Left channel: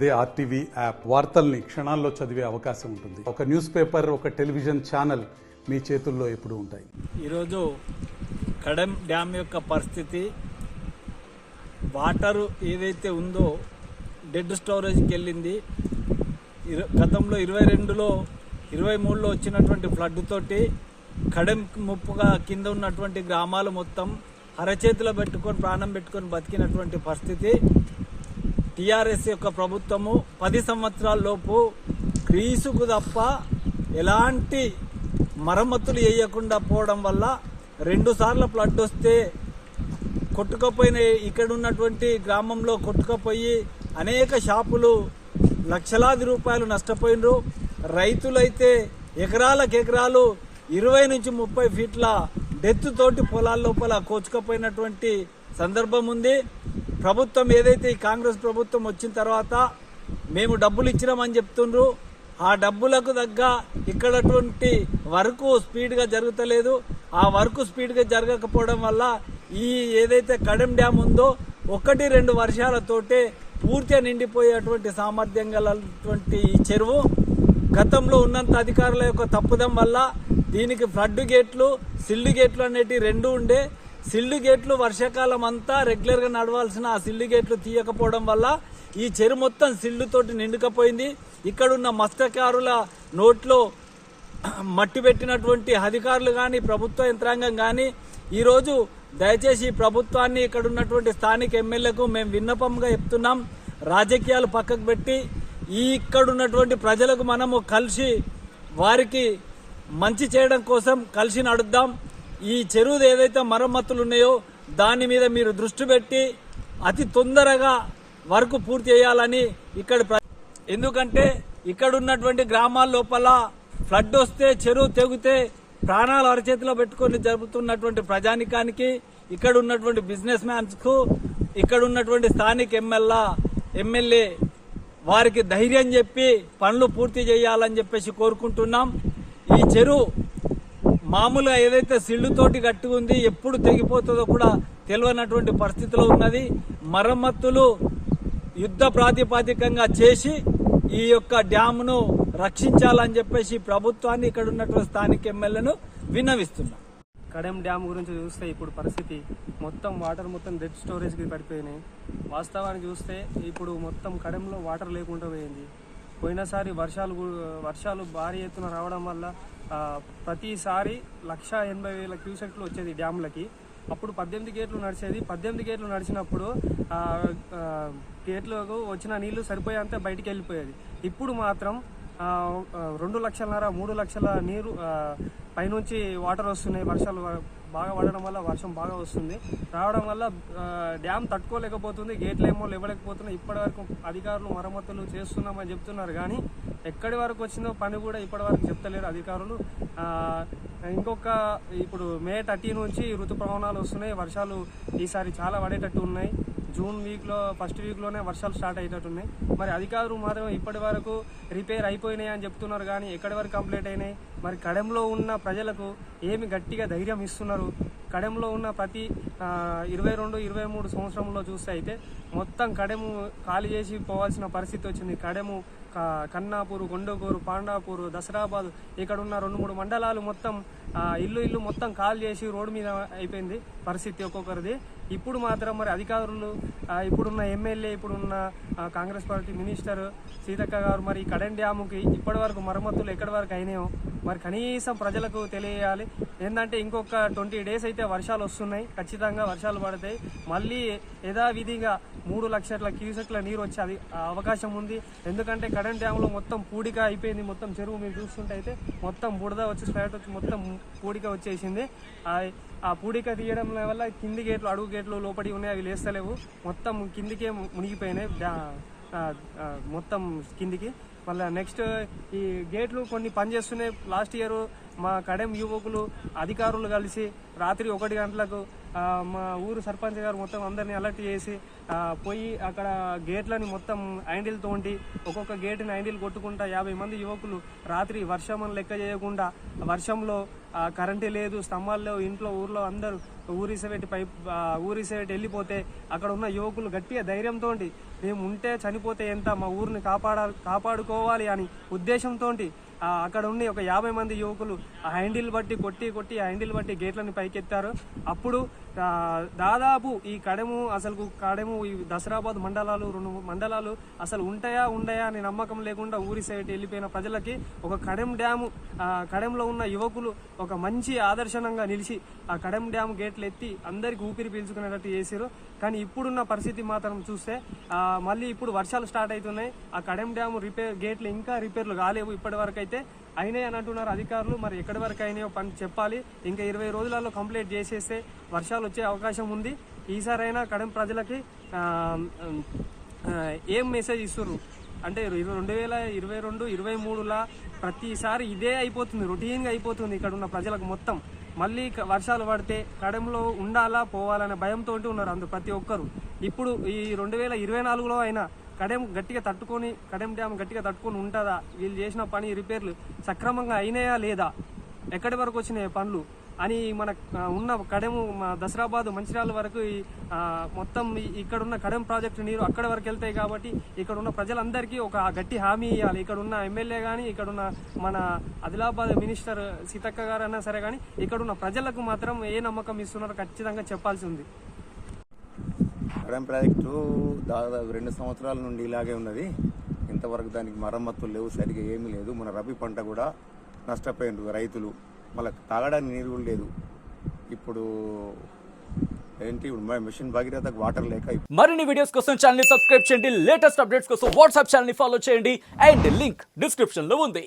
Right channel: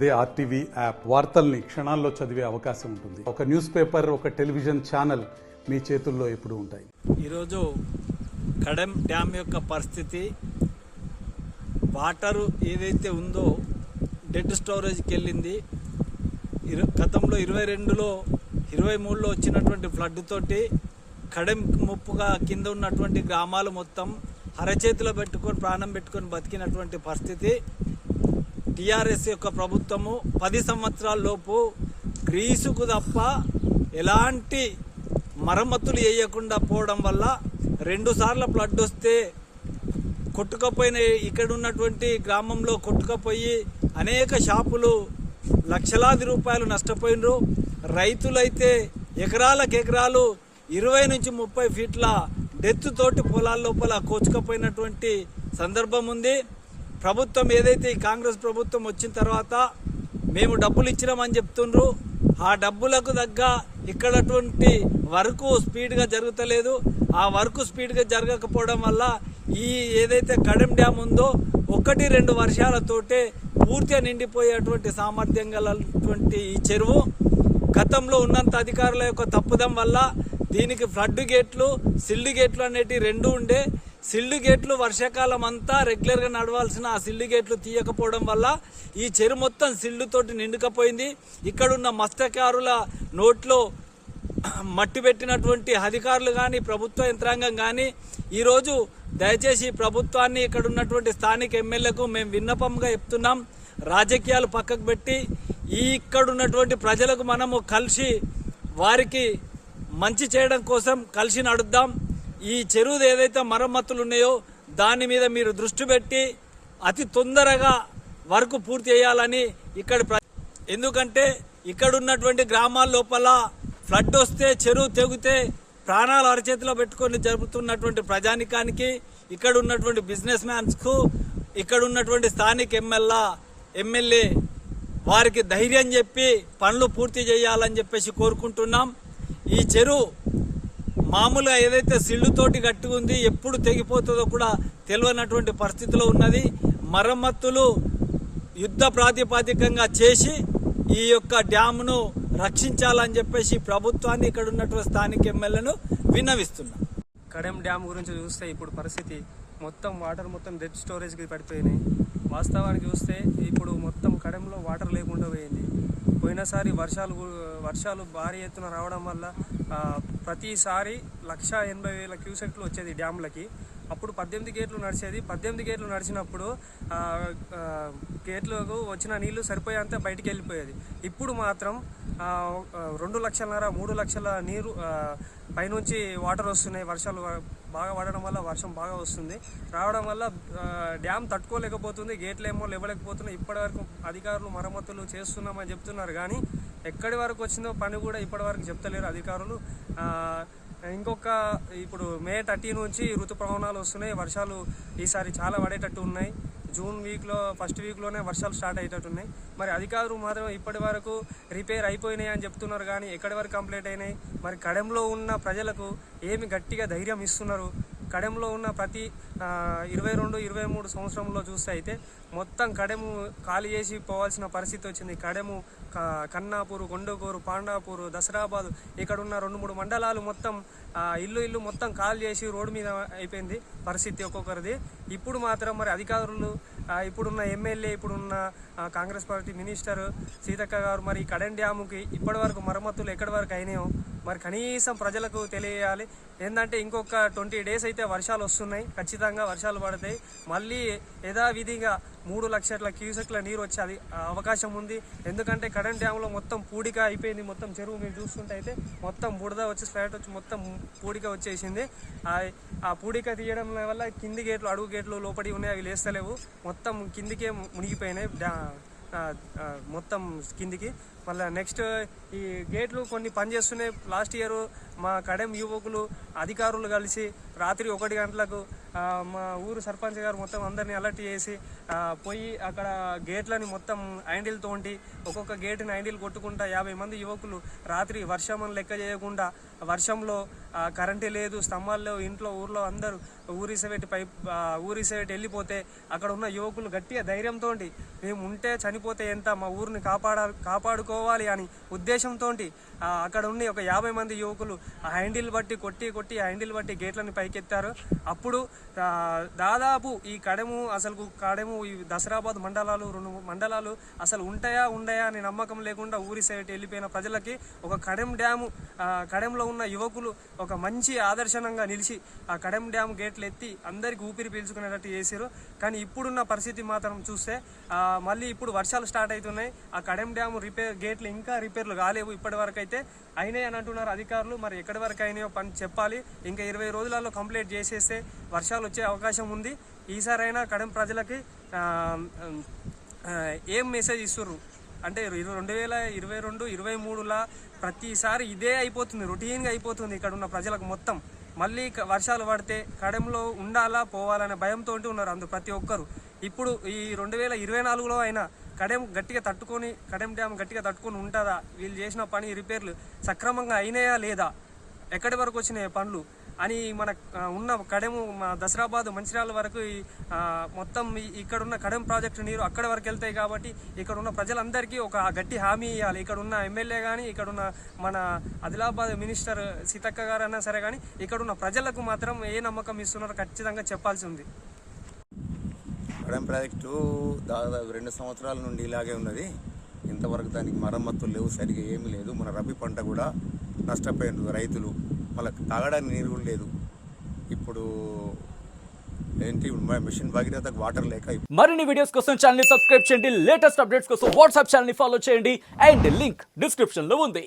అదే RTV app వార్తల్ని క్షణాల్లో చదివే అవకాశం ఉంటుంది. ఒక న్యూస్ పేపర్, ఒక టెలివిజన్ ఛానల్ మీ చేతుల్లో ఎప్పుడూ ఉంటాయి. ఈరోజు కడెం డ్యామ్ యొక్క పరిస్థితి, వాటరు ఏదైతే ఉందో డెడ్ స్టోరేజ్కి వెళ్ళింది. గతంలో 22లో 23లో వచ్చినటువంటి ఫ్లడ్ తోటి కడెం ముప్పుగా కింద ఉన్నటువంటి గ్రామాలు మొత్తం అరచేతిలో పెట్టుకొని ప్రాణం పెట్టుకొని బతికినటువంటి పరిస్థితి. టీఆర్ఎస్ యొక్క ప్రభుత్వము 10 సంవత్సరాల లోపు గ్రీసుకు తప్ప ఎలాంటి మరమ్మతులు వేయకుండా పోవడం వల్ల 2 సార్లు ఫ్లడ్ వస్తే కొట్టుకపోయిన ఇక్కడ ఉన్నటువంటి గ్రామంలో కొట్టుకపోయి అనేక షాపులు లక్షలాది రూపాయలు నష్టపోయినరు. రైతులైతే ఎకరాలకు ఎకరాలు 20 నుంచి 30 ఫీట్ల డెత్ తోటి పొలాల లోపల కోచుకపోయినటువంటి సందర్భం ఉంది. ప్రభుత్వం ఏదైతే ఈ కాంగ్రెస్ ప్రభుత్వం వచ్చిన తర్వాత మేము డబ్బులు ఇచ్చినామని చెప్తుండ్రు, ఆ డబ్బులకు తగ్గ ఇక్కడటువంటి వర్క్ స్పీడ్గా జరుగుతలేదు. ఆ వర్క్ స్పీడ్గా జరగకపోవడం వల్ల ఈ ఏదైతే కడెం డ్యామ్ ఉందో 1-2 వర్షాలతోటే పూర్తిగా నిండిపోయేటువంటి సామర్థ్యం గలటువంటి ఈ చెరువు గతంలో ఉన్నంత అధికారుల యొక్క తప్పుదం వల్ల దీనికి ఫ్లడ్ గేట్లు, సిల్డ్ గేట్లు అనేటివి 2 ఉండే. సిల్డ్ గేట్లు వర్షాకాలం అంతా రెగ్యులర్గా నడవాల్సిన ఆ సిల్డ్ గేట్లు తీయకపోవడం వల్ల ఈ చెరువు మొత్తం సిల్డ్ తోటి నిండుకపోయింది. ఇక్కడున్న మత్స్యకారుల నోట్లో మట్టి పెట్టినటువంటి అధికారులు కానీ ప్రభుత్వ యంత్రాంగం కానీ ఈరోజు దయచేసి ప్రభుత్వాన్ని ఇక్కడ ఉన్నటువంటి స్థానిక ఎమ్మెల్యేలకు మేము విన్నపంగా చెప్తున్నాం, రాజకీయాలు పక్కకు పెట్టి ఇక్కడ ఉన్నటువంటి ప్రజలకు మనము కలిసి వారికి మంచి చేయడం కోసం కలిసి నడుద్దాం. ఈ చెరువు ఏదైతే మరమ్మతులు ఉన్నాయో దాని మీద మీరు దృష్టి పెట్టి అతి తొందరగా వర్క్ పూర్తి చేయాలని ఎందుకంటే ఇక్కడ ఉన్నటువంటి గ్రామాల లోపల ఫ్లడ్ వస్తే చెరువు తెగితే ప్రాణాలు అరచేతిలో పెట్టుకొని జరుపుతున్నటువంటి ప్రజానికానికి, ఇక్కడ ఉన్నటువంటి బిజినెస్ మ్యాన్స్కు, ఇక్కడ ఉన్నటువంటి స్థానిక ఎమ్మెల్యే వారికి ధైర్యం చెప్పి పనులు పూర్తి చేయాలని చెప్పేసి కోరుకుంటున్నాం. ఈ చెరువు మామూలుగా ఏదైతే సిల్లుతోటి గట్టి ఉంది, ఎప్పుడు తెగిపోతుందో కూడా తెలియనటువంటి పరిస్థితిలో ఉన్నది. మరమ్మతులు యుద్ధ ప్రాతిపదికంగా చేసి ఈ యొక్క డ్యామ్ను రక్షించాలని చెప్పేసి ప్రభుత్వాన్ని ఇక్కడ ఉన్నటువంటి స్థానిక ఎమ్మెల్యేను విన్నవిస్తున్నాం. కడెం డ్యామ్ గురించి చూస్తే ఇప్పుడు పరిస్థితి మొత్తం వాటర్ మొత్తం డెడ్ స్టోరేజ్కి పడిపోయినాయి. వాస్తవానికి చూస్తే ఇప్పుడు మొత్తం కడెంలో వాటర్ లేకుండా పోయింది. పోయినసారి వర్షాలు భారీ ఎత్తున రావడం వల్ల ప్రతిసారి 1,80,000 క్యూసెక్లు వచ్చేది డ్యామ్లకి. అప్పుడు 18 గేట్లు నడిచేది. 18 గేట్లు నడిచినప్పుడు గేట్లకు వచ్చిన నీళ్లు సరిపోయేంత బయటికి వెళ్ళిపోయేది. ఇప్పుడు మాత్రం 2 లక్షలన్నర 3 లక్షల నీరు పైనుంచి వాటర్ వస్తున్నాయి. వర్షాలు బాగా పడడం వల్ల వర్షం బాగా వస్తుంది. రావడం వల్ల డ్యామ్ తట్టుకోలేకపోతుంది, గేట్లు ఏమో లేవలేకపోతున్నాయి. ఇప్పటి వరకు అధికారులు మరమ్మతులు చేస్తున్నామని చెప్తున్నారు కానీ ఎక్కడి వరకు వచ్చిందో పని కూడా ఇప్పటి వరకు చెప్తలేరు అధికారులు. ఇప్పుడు మే 30 నుంచి ఋతుపవనాలు వస్తున్నాయి. వర్షాలు ఈసారి చాలా పడేటట్టు ఉన్నాయి. జూన్ ఫస్ట్ వీక్లోనే వర్షాలు స్టార్ట్ అయ్యేటట్టున్నాయి. మరి అధికారులు మాత్రం ఇప్పటి వరకు రిపేర్ అయిపోయినాయి అని చెప్తున్నారు కానీ ఎక్కడి వరకు కంప్లీట్ అయినాయి? మరి కడెంలో ఉన్న ప్రజలకు ఏమి గట్టిగా ధైర్యం ఇస్తున్నారు? కడెంలో ఉన్న ప్రతి 22-23 సంవత్సరంలో చూస్తే అయితే మొత్తం కడెము ఖాళీ చేసి పోవాల్సిన పరిస్థితి వచ్చింది. కడెము, కన్నాపూరు, కొండగూరు, పాండాపూరు, దసరాబాద్ ఇక్కడ ఉన్న 2-3 మండలాలు మొత్తం ఇల్లు మొత్తం ఖాళీ చేసి రోడ్డు మీద అయిపోయింది పరిస్థితి ఒక్కొక్కరిది. ఇప్పుడు మాత్రం మరి అధికారులు, ఇప్పుడున్న ఎమ్మెల్యే, ఇప్పుడున్న కాంగ్రెస్ పార్టీ మినిస్టర్ సీతక్క గారు మరి కడెం డ్యాముకి ఇప్పటి వరకు మరమ్మతులు ఎక్కడి వరకు అయినాయో మరి కనీసం ప్రజలకు తెలియాలి. ఏంటంటే ఇంకొక 20 డేస్ అయితే వర్షాలు వస్తున్నాయి, ఖచ్చితంగా వర్షాలు పడతాయి. మళ్ళీ యథావిధిగా 3 లక్షల క్యూసెక్ల నీరు వచ్చే అవకాశం ఉంది. ఎందుకంటే కడెం డ్యామ్లో మొత్తం పూడిక అయిపోయింది. మొత్తం చెరువు మీరు చూస్తుంటే అయితే మొత్తం బుడద వచ్చి స్పాట్ వచ్చి మొత్తం పూడిక వచ్చేసింది. ఆ పూడిక తీయడం వల్ల కింది గేట్లు, అడుగు గేట్లు లోపడి ఉన్నాయి, అవి లేస్తలేవు, మొత్తం కిందికే మునిగిపోయినాయి మొత్తం కిందికి. మళ్ళీ నెక్స్ట్ ఈ గేట్లు కొన్ని పనిచేస్తున్నాయి. లాస్ట్ ఇయర్ మా కడెం యువకులు అధికారులు కలిసి రాత్రి 1 గంటలకు మా ఊరు సర్పంచ్ గారు మొత్తం అందరినీ అలర్ట్ చేసి పోయి అక్కడ గేట్లని మొత్తం హ్యాండిల్ తోంటి ఒక్కొక్క గేటుని హ్యాండిల్ కొట్టుకుంటా 50 మంది యువకులు రాత్రి వర్షం అని లెక్క చేయకుండా వర్షంలో కరెంటే లేదు, స్తంభాలు లేవు, ఇంట్లో ఊర్లో అందరూ ఊరిసేటి వెళ్ళిపోతే అక్కడ ఉన్న యువకులు గట్టిగా ధైర్యంతో మేము ఉంటే చనిపోతే ఎంత, మా ఊరిని కాపాడుకోవాలి అని ఉద్దేశంతో అక్కడ ఉండి ఒక 50 మంది యువకులు హ్యాండిల్ బట్టి కొట్టి హ్యాండిల్ బట్టి గేట్లని పైకెత్తారు. అప్పుడు దాదాపు ఈ కడెము ఈ దసరాబాద్ మండలాలు 2 మండలాలు అసలు ఉండయా అని నమ్మకం లేకుండా ఊరి సైడ్ వెళ్ళిపోయిన ప్రజలకి ఒక కడెంలో ఉన్న యువకులు ఒక మంచి ఆదర్శనంగా నిలిచి ఆ కడెం డ్యామ్ గేట్లు ఎత్తి అందరికి ఊపిరి పీల్చుకునేటట్టు చేశారు. కానీ ఇప్పుడున్న పరిస్థితి మాత్రం చూస్తే మళ్ళీ ఇప్పుడు వర్షాలు స్టార్ట్ అవుతున్నాయి. ఆ కడెం డ్యామ్ గేట్లు ఇంకా రిపేర్లు కాలేవు, ఇప్పటి వరకు అయితే అయినాయి అని అంటున్నారు అధికారులు. మరి ఎక్కడి వరకు అయినాయో పని చెప్పాలి. ఇంకా 20 రోజులలో కంప్లీట్ చేసేస్తే వర్షాలు వచ్చే అవకాశం ఉంది. ఈసారైనా కడెం ప్రజలకి ఏం మెసేజ్ ఇస్తుర్రు అంటే 2022-23లా ప్రతిసారి ఇదే అయిపోతుంది, రొటీన్గా అయిపోతుంది ఇక్కడ ఉన్న ప్రజలకు మొత్తం. మళ్ళీ వర్షాలు పడితే కడెంలో ఉండాలా పోవాలనే భయంతో ఉన్నారు అందరూ ప్రతి ఒక్కరు. ఇప్పుడు ఈ 2024లో అయినా కడెం డ్యామ్ గట్టిగా తట్టుకొని ఉంటుందా, వీళ్ళు చేసిన పని రిపేర్లు సక్రమంగా అయినాయా లేదా, ఎక్కడి వరకు వచ్చినాయి పనులు అని మన ఉన్న కడెము దసరాబాద్ మంచిర్యాల వరకు మొత్తం ఇక్కడ ఉన్న కడెం ప్రాజెక్టు నీరు అక్కడి వరకు వెళ్తాయి. కాబట్టి ఇక్కడ ఉన్న ప్రజలందరికీ ఒక గట్టి హామీ ఇవ్వాలి. ఇక్కడ ఉన్న ఎమ్మెల్యే కానీ ఇక్కడ ఉన్న మన ఆదిలాబాద్ మినిస్టర్ సీతక్క గారు అన్నా సరే కానీ ఇక్కడ ఉన్న ప్రజలకు మాత్రం ఏ నమ్మకం ఇస్తున్నారో ఖచ్చితంగా చెప్పాల్సి ఉంది. కడెం ప్రాజెక్టు దాదాపు 2 సంవత్సరాల నుండి ఇలాగే ఉన్నది. ఇంతవరకు దానికి మరమ్మతులు లేవు, సరిగా ఏమీ లేదు. మన రబీ పంట కూడా నష్టపోయినారు రైతులు, వాళ్ళకి తాగడానికి నీరు కూడా లేదు. ఇప్పుడు మిషన్ భగీరథకు వాటర్ లేక మరిన్ని వీడియోస్ కోసం ఛానల్ ని సబ్స్క్రైబ్ చేయండి. లేటెస్ట్ అప్డేట్స్ కోసం వాట్సాప్ ఛానల్ ని ఫాలో చేయండి. అండ్ లింక్ డిస్క్రిప్షన్ లో ఉంది.